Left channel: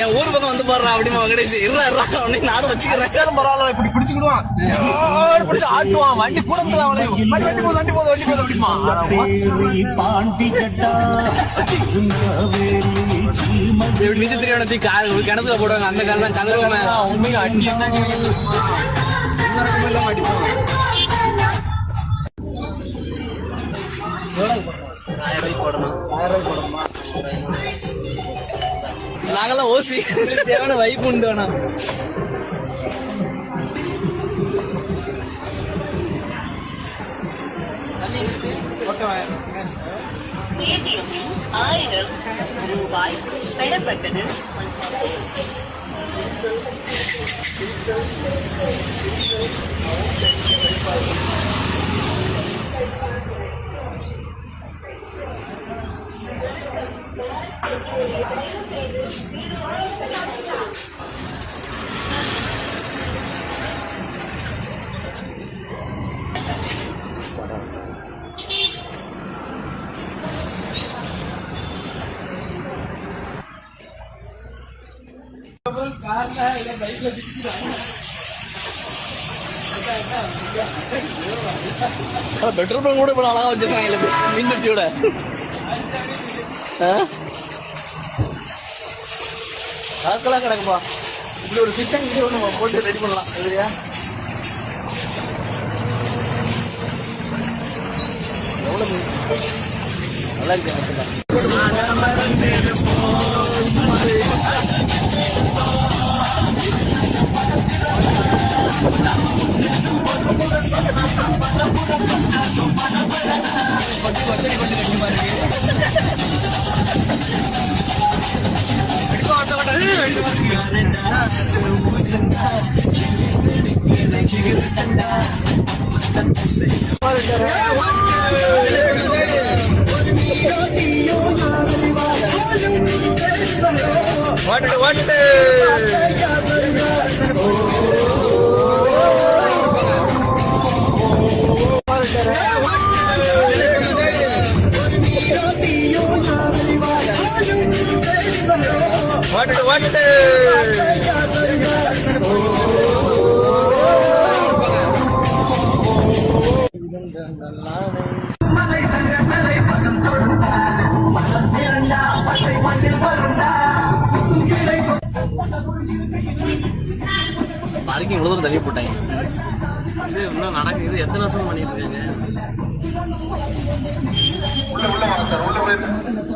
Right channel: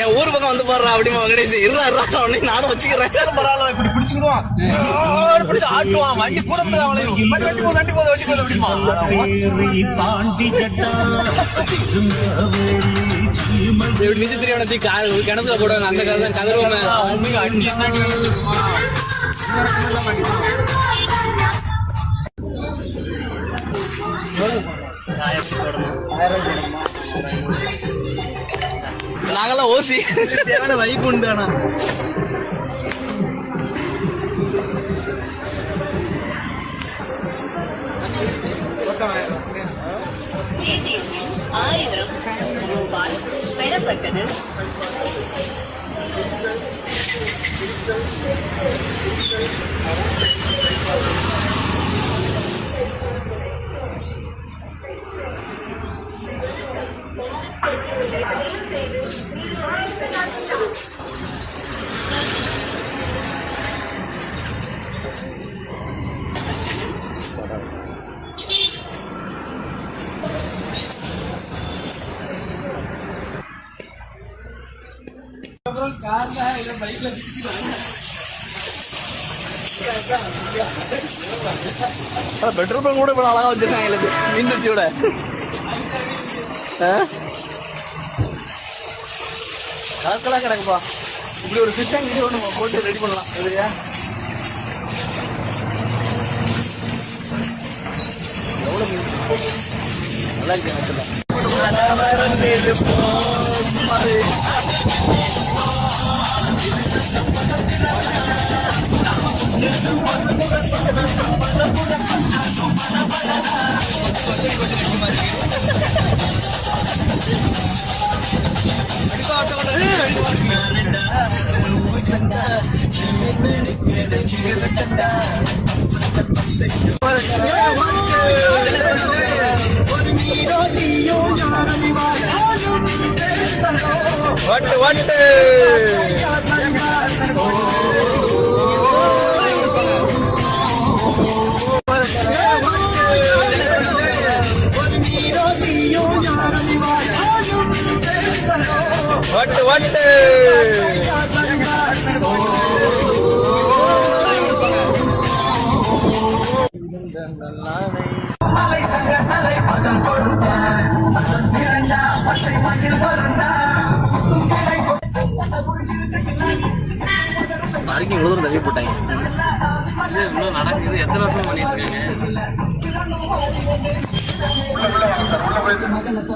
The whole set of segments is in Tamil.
என் ஊர் பக்கம் வந்து பாடுறா அப்படிமா வெங்கடேஷ். இருறா அவனை நானும் வச்சுக்கிறேன். பரவாயில்ல இப்படி பிடிச்சுக்கிடுவான். பிடிச்சு ஆட்டுவான்? வண்டி கூட அவளையும் வண்டி வண்டி போகுது வண்டி போகுது வண்டி போகுது அப்படிமா. பாண்டி கட்டா சீமல் இப்படி நிச்சு தெரியாத கார் கிணத்துல போடுவாங்க. அந்த கார் தான் கதருவோமே உண்மையா அடி என்னடி? நாங்கெல்லாம் ஓசி. தேவையான வைப்பு உண்டு ஆனா. ஆயிரம் ரூபாய் பெறப்பட்டது பெட்ரோல் பங்க் கூட இவ்வளவு அழகா வச்சிருக்காங்க மின்வெட்டியோட கலக்கலா கிடக்குப்பா. இப்படி ஒரு சிஸ்டம் இது ஒன்று போட்டு ரெடி பண்ணலாம். சரியா? எவ்வளோ மீன்? நல்லா இருக்கு. வட்டு வட்டு. வட்டு வட்டு பார்க்கிங் இவ்வளோ தூரம் தள்ளி போட்டாங்க இது இன்னும் நடக்குது எத்தனை வருஷம் பண்ணிட்டு இருக்காங்க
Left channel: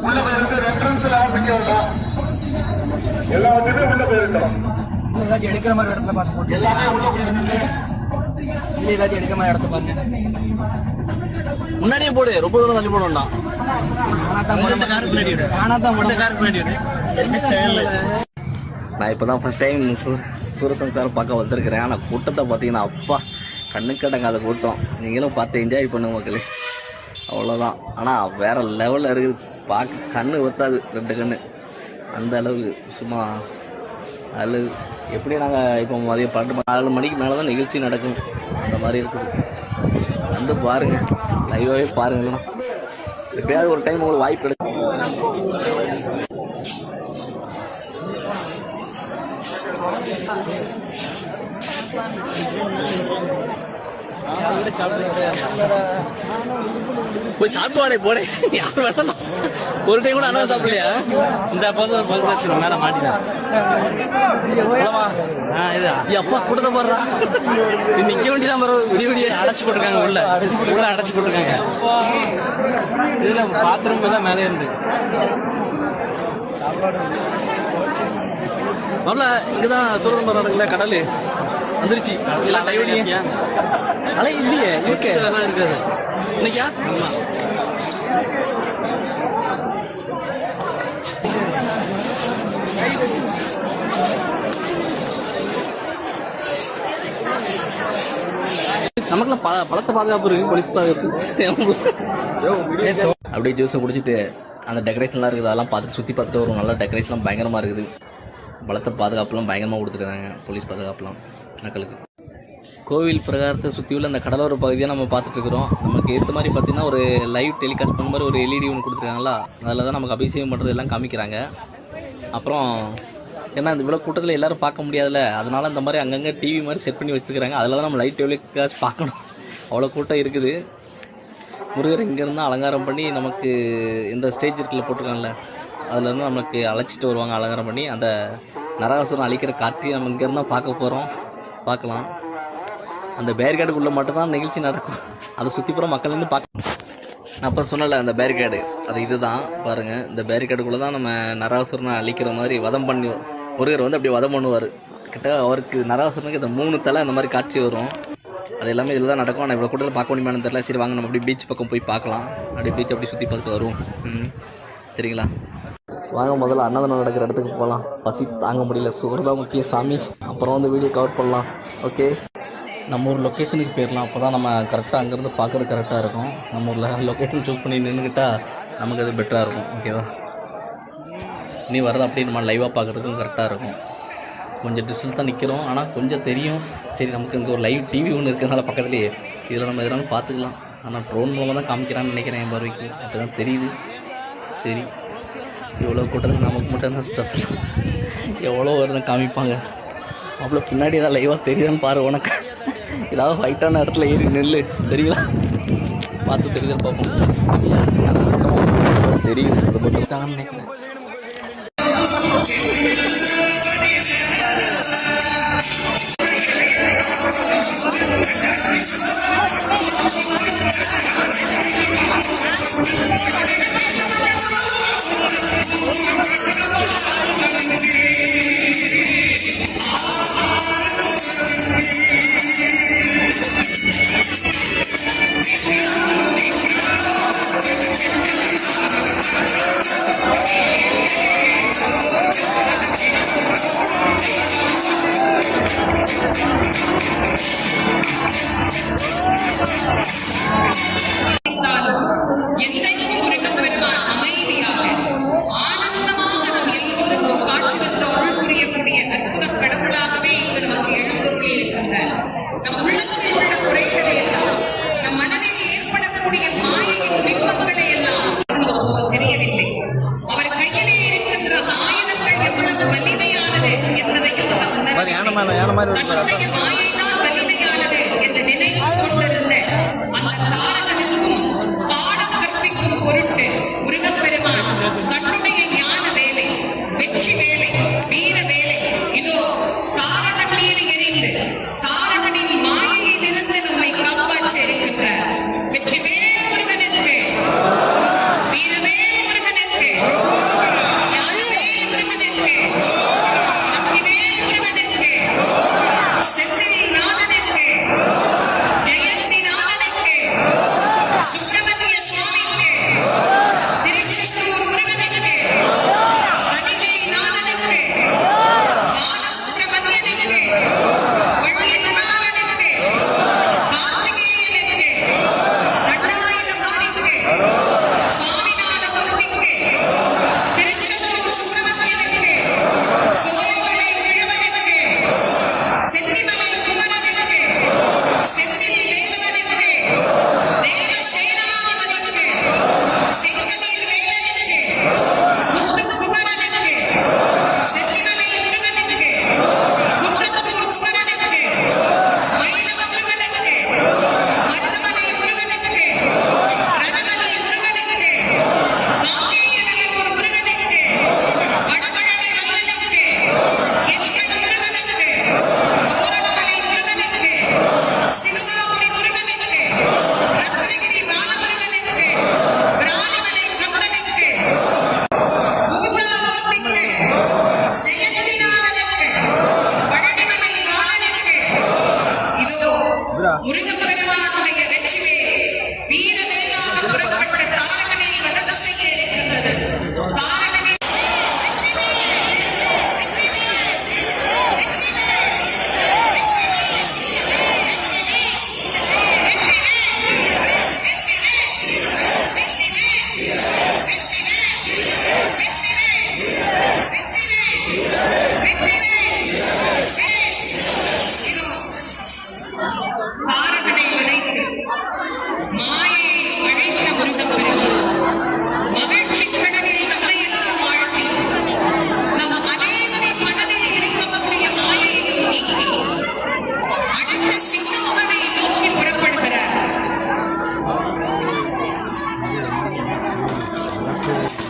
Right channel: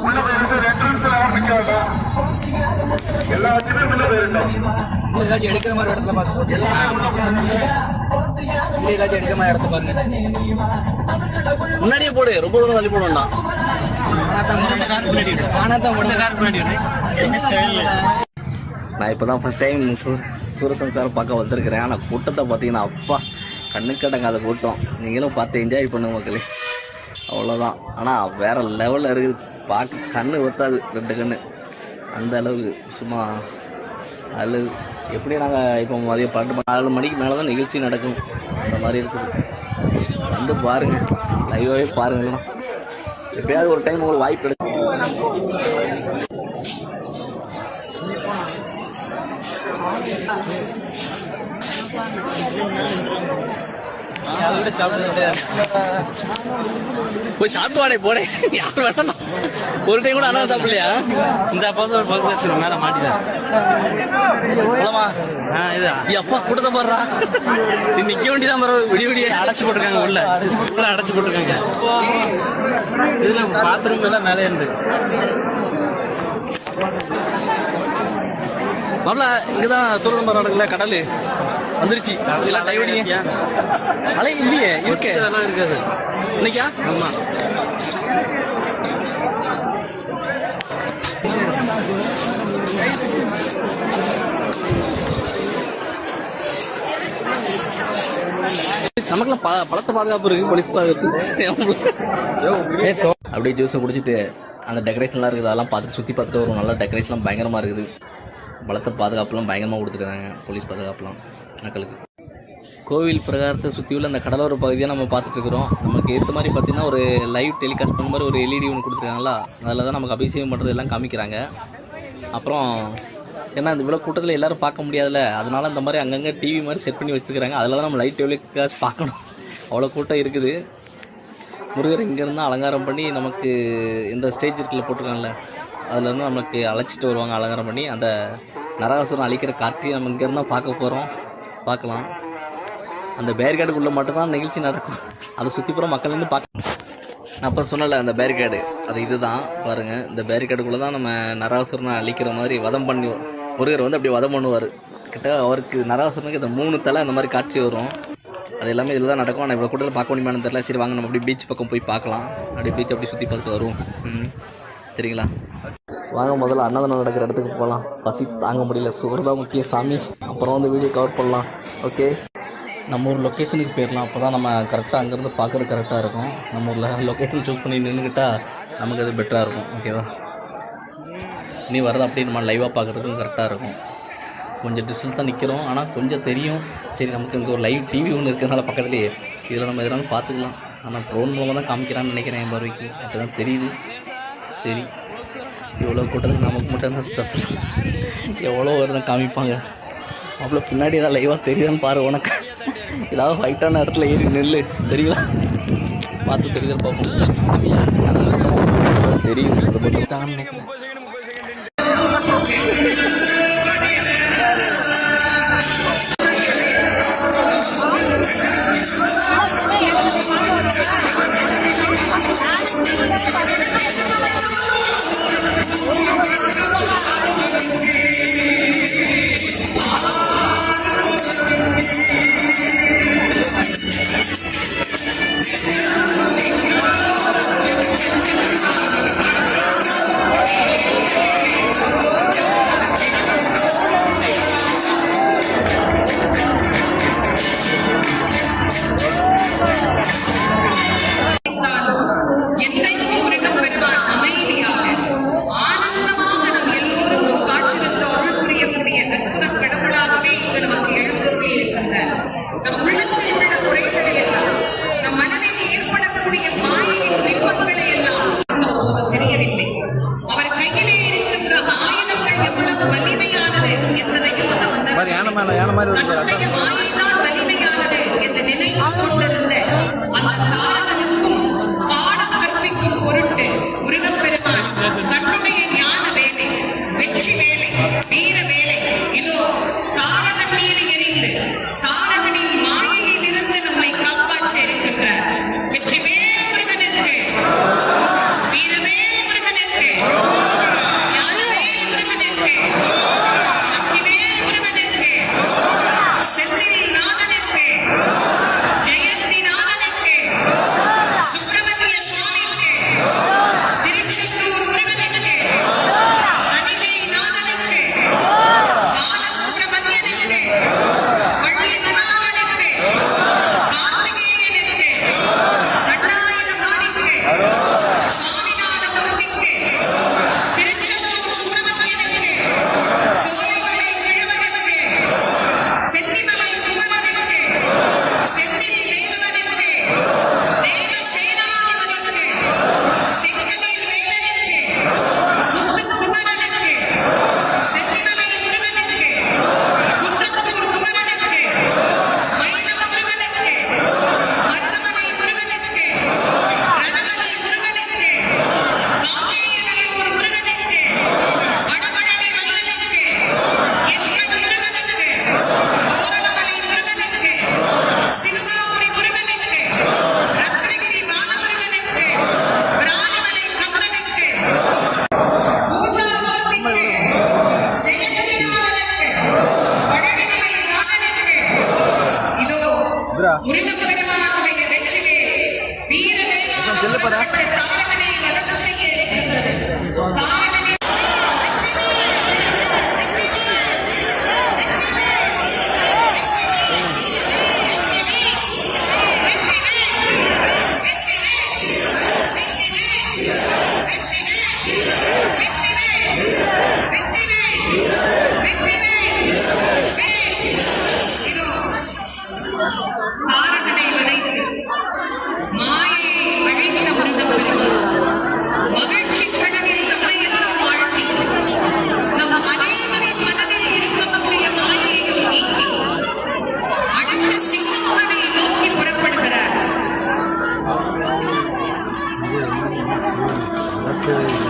உள்ள போயிருந்து என்ட்ரன்ஸ்ல ஆரம்பிக்க வேண்டாம் எல்லாத்தையுமே உள்ள போயிருந்தோம் ஏதாச்சும் எடுக்கிற மாதிரி இடத்துல பார்த்து எல்லாமே உள்ள ஏதாச்சும் எடுக்கிற மாதிரி இடத்த பாருங்க முன்னாடியே போடு ரொம்ப தூரம் தள்ளி போட வேண்டாம். நானா இப்போ தான் ஃபஸ்ட் டைம் சூ சூரசம்காரம் பார்க்க வந்திருக்கிறேன். ஆனால் கூட்டத்தை பார்த்தீங்கன்னா அப்பா கண்ணுக்கு அடங்காத கூட்டம். நீங்களும் பார்த்து என்ஜாய் பண்ணுங்க மக்களே. அவ்வளோதான் ஆனால் வேற லெவலில் இருக்குது. பார்க்க கண்ணு ஒத்தாது ரெண்டு கண்ணு. அந்த அளவுக்கு சும்மா அழகு எப்படி நாங்கள் இப்போ மதியம் பன்னெண்டு மணி நாலு மணிக்கு மேலே தான் நிகழ்ச்சி நடக்கும். அந்த மாதிரி இருக்குது. வந்து பாருங்கள் லைவாகவே பாருங்களேண்ணா எப்பயாவது ஒரு டைம் உங்களுக்கு வாய்ப்பு கிடைக்கும். போய் சாப்பிடுவாடே போடே. யார் வேணாம் ஒரு டைம் கூட அண்ணா சாப்பிடலையா இந்த அப்போது ஒரு பல்க் பேசுகிறோம் மேலே மாட்டிதான் அப்பா கூட்டத்தை பாடுறா நிக்க வேண்டியதான் பாரு விடிய விடிய. அடைச்சு போட்டிருக்காங்க உள்ள. உள்ள அடைச்சு போட்டிருக்காங்க. இதுல பாத்ரூம் எல்லாம் மேலே இருந்து. நல்லா இங்கதான் சூரன் மரம் கடல். வந்துருச்சு. அலை இல்லையே? இருக்கு. இருக்காது. இன்னைக்கா? ஆமா. நமக்குலாம் பல பலத்த பாதுகாப்பு இருக்கு போலீஸ் பாதுகாப்பு அப்படியே ஜூஸை குடிச்சிட்டு அந்த டெக்கரேஷன்லாம் இருக்குது அதெல்லாம் பார்த்துட்டு சுற்றி பார்த்துட்டு வரும் நல்லா டெக்கரேஷன்லாம் பயங்கரமாக இருக்குது. பலத்த பாதுகாப்புலாம் பயங்கரமாக கொடுத்துருக்காங்க போலீஸ் பாதுகாப்புலாம் மக்களுக்கு. கோவில் பிரகாரத்தை சுற்றியுள்ள அந்த கடலோர பகுதியாக நம்ம பார்த்துட்ருக்குறோம் நமக்கு ஏற்ற மாதிரி பார்த்தீங்கன்னா ஒரு லைவ் டெலிகாஸ்ட் பண்ண மாதிரி ஒரு எல்இடி ஒன்று கொடுத்துருக்காங்களா அதில் தான் நமக்கு அபிஷேகம் பண்ணுறது எல்லாம் காமிக்கிறாங்க. அப்புறம் ஏன்னா இந்த இவ்வளோ கூட்டத்தில் எல்லாரும் பார்க்க முடியாதுல்ல. அதனால இந்த மாதிரி அங்கங்கே டிவி மாதிரி செட் பண்ணி வச்சுருக்காங்க அதில் தான் நம்ம லைட் டெலிகாஸ்ட் பார்க்கணும். அவ்வளோ கூட்டம் இருக்குது. முருகர் இங்கேருந்து அலங்காரம் பண்ணி நமக்கு இந்த ஸ்டேஜ் இருக்கில் போட்டிருக்காங்கல்ல அதுலேருந்து நமக்கு அழைச்சிட்டு வருவாங்க அலங்காரம் பண்ணி. அந்த நரகாசுரம் அழிக்கிற காட்சியை நம்ம இங்கேருந்து தான் பார்க்க போகிறோம் பார்க்கலாம். அந்த பேரிகார்டுக்குள்ளே மட்டும்தான் நிகழ்ச்சி நடக்கும். அதை சுற்றி போகிற மக்கள் நின்று பார்க்க நான் அப்போ சொன்னல அந்த பேரிகாடு அது இதுதான். பாருங்கள் இந்த பேரிகாடுக்குள்ளே தான் நம்ம நரகாசுரனை அழிக்கிற மாதிரி வதம் பண்ணி முருகர் வந்து அப்படியே வதம் பண்ணுவார். கிட்ட அவருக்கு நரகாசுரனுக்கு இந்த மூணு தலை அந்த மாதிரி காட்சி வரும். அது எல்லாமே இதில் தான் நடக்கும். ஆனால் இவ்வளோ கூட்டத்தில் பார்க்க முடியுமான்னு தெரியல. சரி வாங்க நம்ம அப்படியே பீச் பக்கம் போய் பார்க்கலாம். அப்படியே பீச் அப்படியே சுற்றி பார்த்துட்டு வருவோம். ம். சரிங்களா? வாங்க முதல்ல அன்னதானம் நடக்கிற இடத்துக்கு போகலாம் பசி தாங்க முடியல. சோறு தான் முக்கிய சாமி. அப்புறம் வந்து வீடியோ கவர் பண்ணலாம். ஓகே நம்ம ஒரு லொக்கேஷனுக்கு போயிடலாம் அப்போ தான் நம்ம கரெக்டாக அங்கேருந்து பார்க்குறது கரெக்டாக இருக்கும். நம்ம ஊரில் லொக்கேஷன் சூஸ் பண்ணி நின்றுக்கிட்டால் நமக்கு அது பெட்டராக இருக்கும். ஓகேவா நீ வரது அப்படியே நம்ம லைவாக பார்க்குறதுக்கும் கரெக்டாக இருக்கும். கொஞ்சம் டிஸ்டன்ஸ் தான் நிற்கிறோம் ஆனால் கொஞ்சம் தெரியும். சரி நமக்கு இங்கே ஒரு லைவ் டிவி ஒன்று இருக்கிறதுனால பக்கத்துலேயே. இதில் நம்ம எதனாலும் பார்த்துக்கலாம். ஆனால் ட்ரோன் மூலமாக தான் காமிக்கிறான்னு நினைக்கிறேன் என் பார்வைக்கு. அப்படி தான் தெரியுது. சரி. இவ்வளோ கூட்டத்தில் நமக்கு மட்டும் தான் ஸ்ட்ரெஸ் எவ்வளோ வருதான் காமிப்பாங்க? அவ்வளோ பின்னாடி ஏதாவது லைவாக தெரியுதான்னு பாரு உனக்கு. ஏதாவது ஹைட்டான இடத்துல ஏறி நெல் சரிங்களா? பார்த்து தெரியுதான்னு பார்ப்போம். தெரியுது. அதை மட்டும் நினைக்கிறேன். 啊。உணர்ந்தார். யானை ஏன யானை மாதிரி Thank.